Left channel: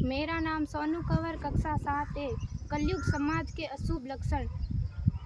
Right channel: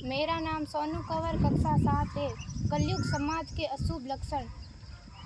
मेरा नाम सोनू कंवर, कक्षा 7 है। कलयुग समाज के अशुभ लक्षण।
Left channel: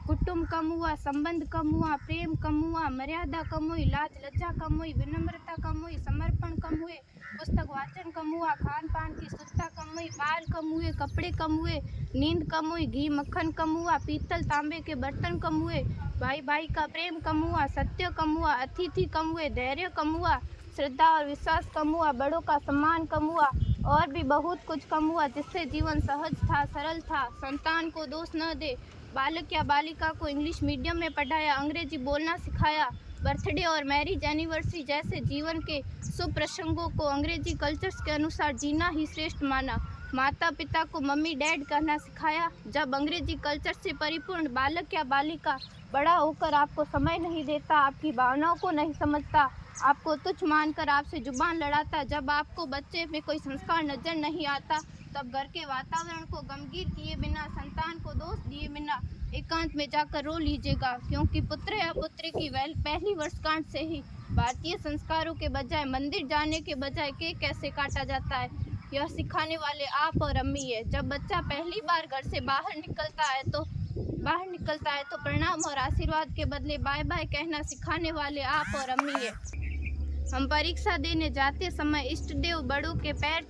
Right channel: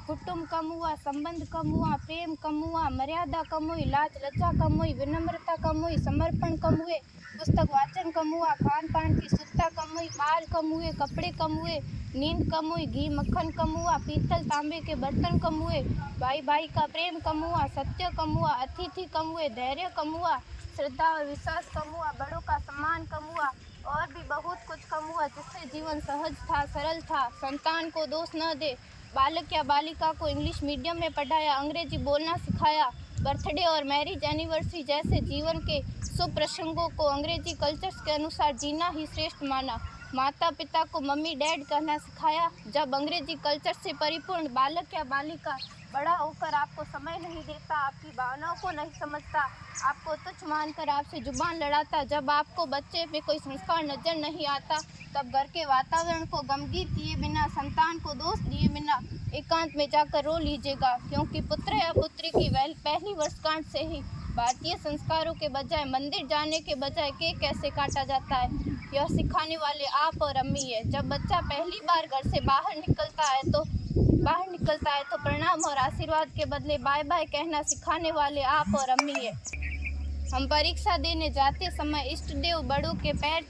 कुटुंब कम हुआ, संबंध कम हुआ, प्रेम कम हुआ, मर्यादा कम हुई, लाज लज्जा कम हुई, विनम्रता कम हुई, समर्पण कम हुए, पुस्तक वाचन कम हुआ, खान पान की शुद्धता कम हुई, बाल कम हुए, कपड़े कम हुए, नींद कम हुई, घी मक्खन कम हुआ, पीतल तांबे के बर्तन कम हुए, भाई भाई का प्रेम कम हुआ, सत्य कम हुआ, अतिथि कम हुए, धैर्य कम हुआ, श्रद्धा और विश्वास कम हुआ, बड़ों का सम्मान कम हुआ और भी बहुत कुछ कम हुआ, जिससे जीवन सहज था, सरल था। संतान को दोष न दे। बालक या बालिका को इंग्लिश मीडियम में पढ़ाया, अंग्रेजी बोलना सिखाया, बर्थडे और मैरिज एनिवर्सरी जैसे जीवन के शुभ प्रसंगों को अंग्रेजी कल्चर्स के अनुसार जीना ही श्रेष्ठ माना। माता पिता को मम्मी डैड कहना सिखाया। जब अंग्रेजी कल्चर से परिपूर्ण बालक या बालिका बड़ा होकर आपको समय नहीं देता, आपकी भावनाओं को नहीं समझता, आपको तुच्छ मानकर आपसे जुबान लड़ाता, जब आपको बच्चे में कोई संस्कार नजर नहीं आता, तब घर के वातावरण को गमगीन किए बिना, संतान को दोष दिए बिना एकांत में जाकर रो लीजिएगा, क्योंकि पुत्र या पुत्री की पहली वर्षगांठ से ही भारतीय संस्कारों के बजाय, मंदिर जाने के बजाय केक कैसे काटा जाता है, यह सिखाने वाले आप और अम्मी है। जब बच्चा पहली बार घर से बाहर निकलता है तो प्रणाम और आशीर्वाद के बदले बाय बाय कहना सिखाने वाले आप और अम्मी है। हम परीक्षा देने जाते समय इष्ट देव बड़ों के पैर